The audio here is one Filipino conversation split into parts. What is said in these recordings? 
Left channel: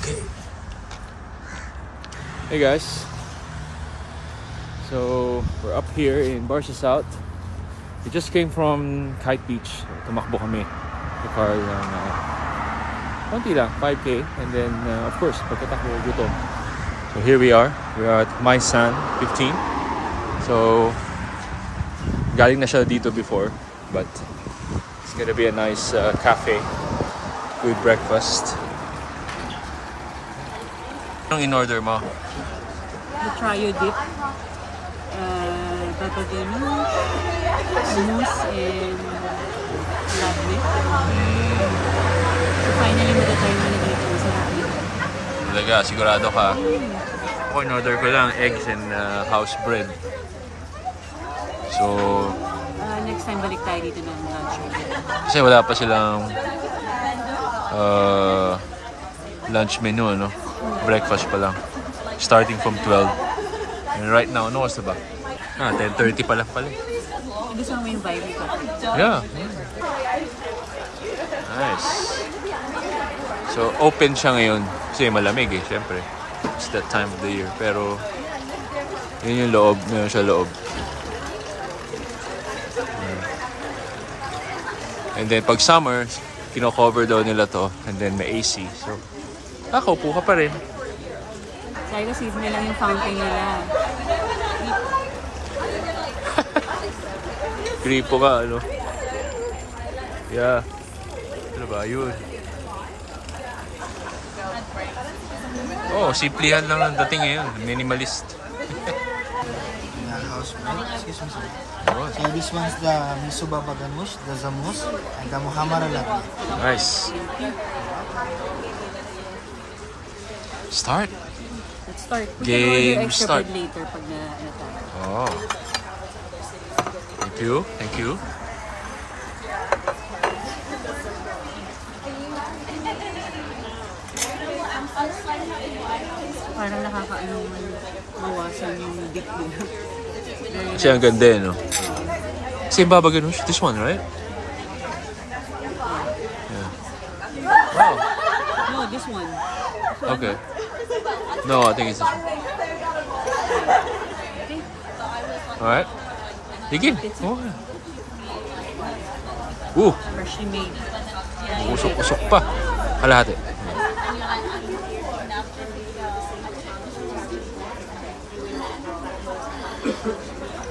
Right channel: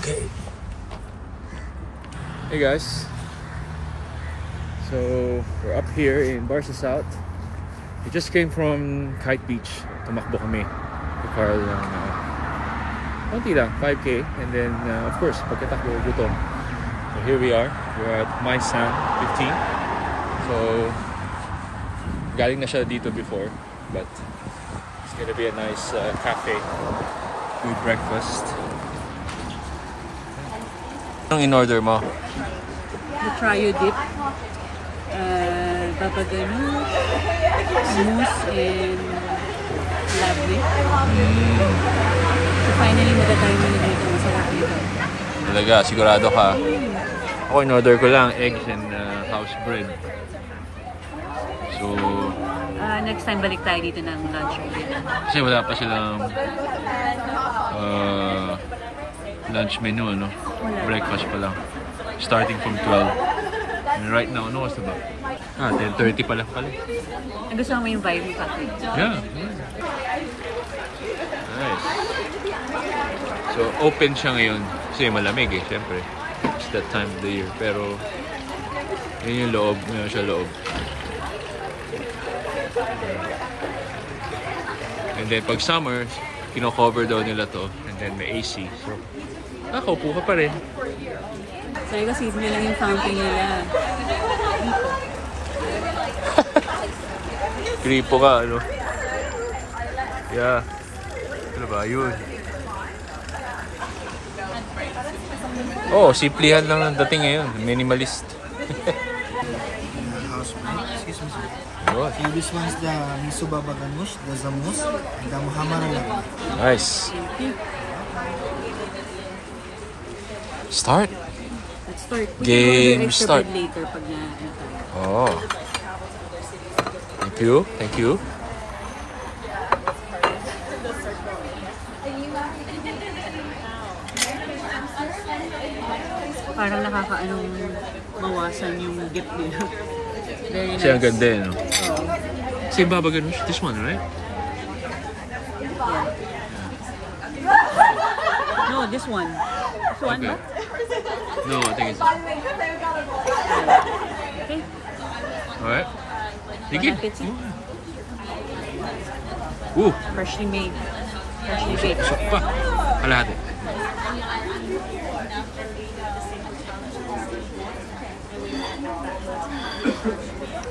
Okay. Hey guys. So we're up here in Barca South. We just came from Kite Beach. Tumakbo kami. Car lang. Konti lang, 5K. And then of course, pagkatakbo, gutom. So here we are. We are at My San 15. So galing na siya dito before, but it's gonna be a nice cafe. Good breakfast. Anong in-order mo? The trio dip, baba ganoush, mousse, and labne. So finally, matatay mo na dito. Masarap dito. Talaga, sigurado ka. Ako in-order ko lang eggs and house bread. So Next time, balik tayo dito ng lunch ulit. kasi wala pa silang lunch menu, no? Breakfast pa lang. Starting from 12. And right now, ano oras na ba? 10:30 pa lang pala. Gusto mo yung vibe ng cafe? Yeah. Nice. So, open siya ngayon. Kasi malamig eh, syempre. It's that time of the year. Pero, yun yung loob. Meron siya loob. And then, pag summer, kino-cover daw nila to. And then, may AC. So, nakaupo ka pa rin. Sabi ko, season lang yung fountain nila. Gripo ka, ano? Yeah. Ano ba? Yun. Oh, simplihan lang ang dating ngayon. Minimalist. So this one's the miso baba ganoush, the zamus, and the muhammara labne. Nice. Start. Let's start. Game start. Later pag Oh. Thank you. Thank you. parang nakakaanong mawasan yung dip nila. Very nice. Kasi ang ganda eh, no? Oo. Kasi baba ganoush. This one, right? Yeah. Oh. No, this one. This one, Okay. ba? No, I think it's this one. Okay. Alright. Begin. Pizza. Oh. Ooh. Freshly made. Freshly baked. Usok pa. Kalahati.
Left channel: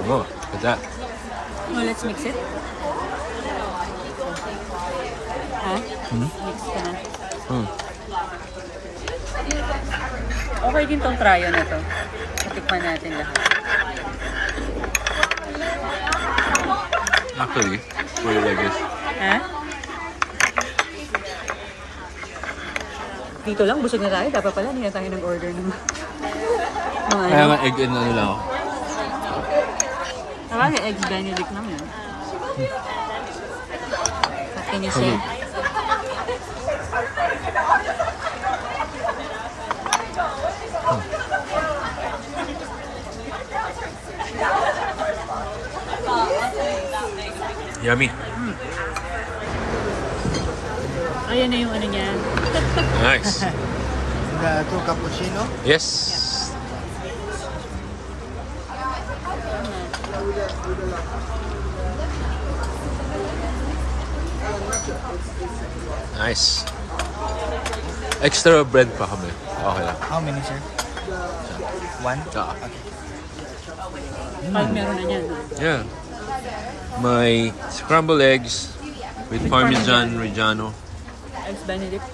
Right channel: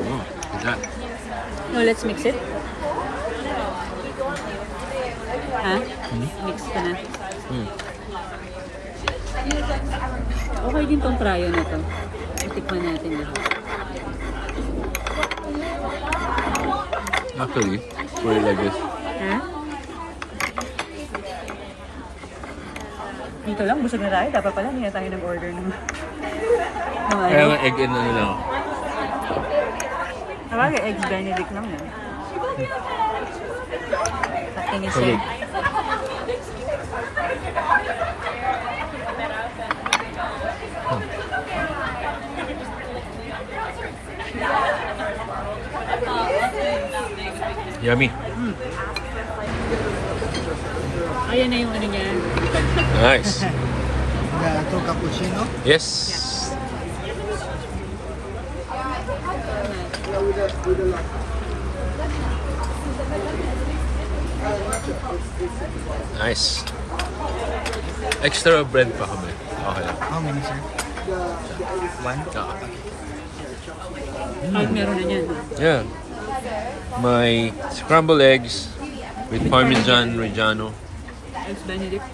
Come on. Look at that. No, let's mix it. Ha? Mix ko na. Okay din tong trio na to. Matikman natin lahat. Actually, put it like this. Ha? Dito lang, busog na tayo. Dapat pala, hindi na tayo nag-order ng ano. Kaya nga egg and ano lang. Talaga, eggs Benedict lang yan. Kapinis Okay. eh. Yummy. Ayan na yung ano niya. Nice. Ito cappuccino. Yes. Nice. Extra bread pa kami. Okay lang. How many, sir? One? Kahit meron na yan. Yeah. My scrambled eggs with Parmesan Reggiano. Eggs Benedict.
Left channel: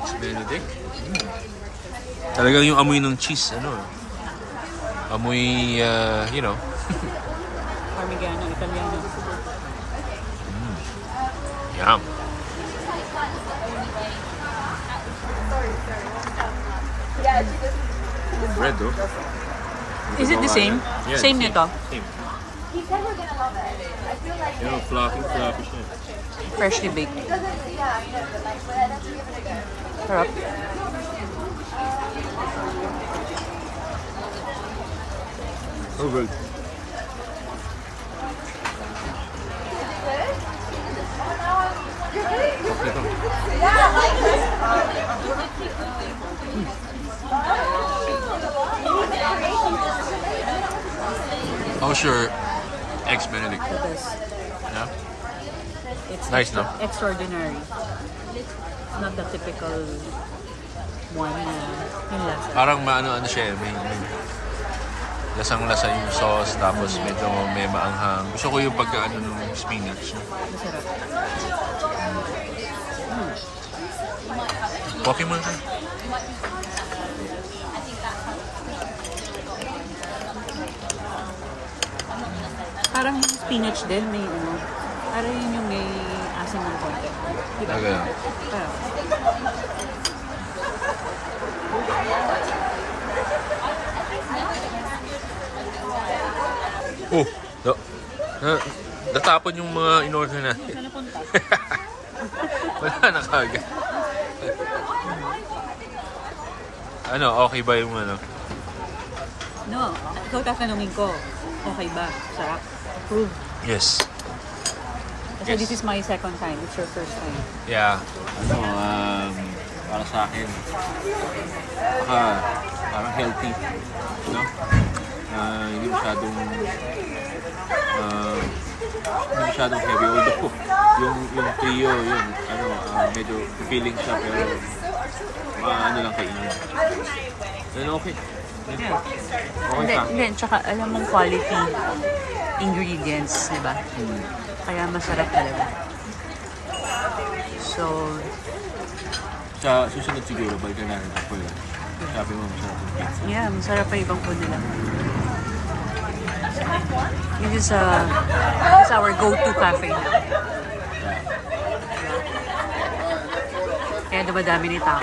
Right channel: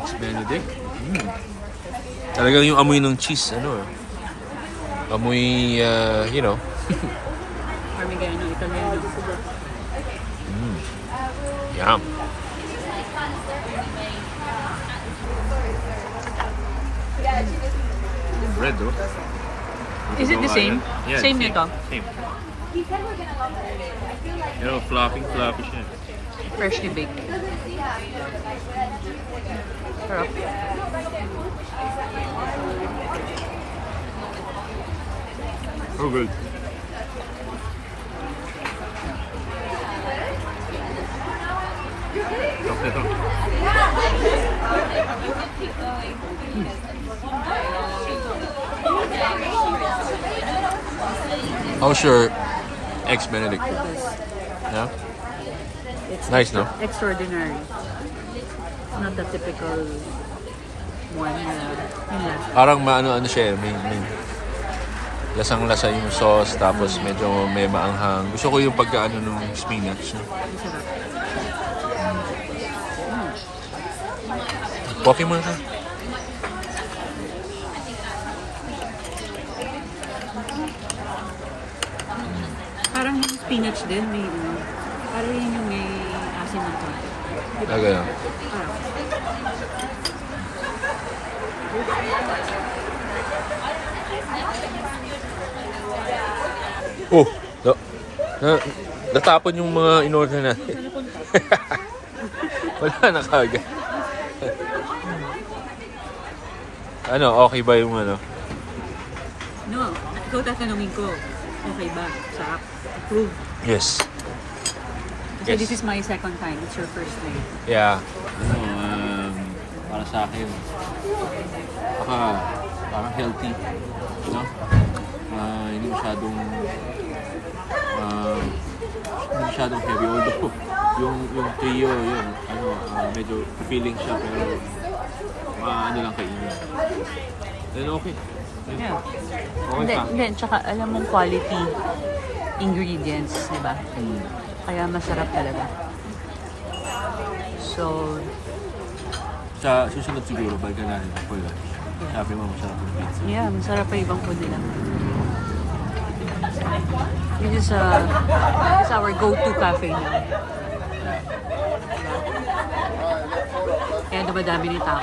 Eggs Benedict. Talagang yung amoy ng cheese, ano? Amoy, you know. Parmigiano, Italiano. Yum. Bread, oh. Is it the same? Yeah, Same nito? Same. You know, fluffy shit. Freshly baked. Sarap. Oh, good. Chocolate. How's your Eggs Benedict? The best. Yeah? It's Nice, no? extraordinary. It's not the typical one na yun lang. Parang ano siya, may lasang-lasa yung sauce, tapos medyo may maanghang. Gusto ko yung pagkaano ng spinach. No? Masarap. Coffee mo na. Parang yung spinach din, may ano, parang yun yung may asin ng konti. Diba? Ganun. Ah. Oh! Natapon yung mga in-order natin. Saan napunta? Wala na kagad. Ano, okay ba yung ano? No, ikaw tatanungin ko, okay ba? Sarap? Approve? Yes. Kasi this is my second time. It's your first time. Yeah. Ano, para sa akin, parang healthy, no? Hindi masyadong heavy, although yung trio, yun, medyo feeling siya, pero ano lang kainin. Then okay. Yeah. Okay ka. Hindi, tsaka alam mong quality ingredients, di ba? Kaya masarap talaga. So, Sa susunod siguro, balikan natin for lunch. Sabi mo, masarap yung pizza. yeah, masarap pa ibang food nila. This is our go-to cafe now. Yeah. Kaya dumadami ni tao.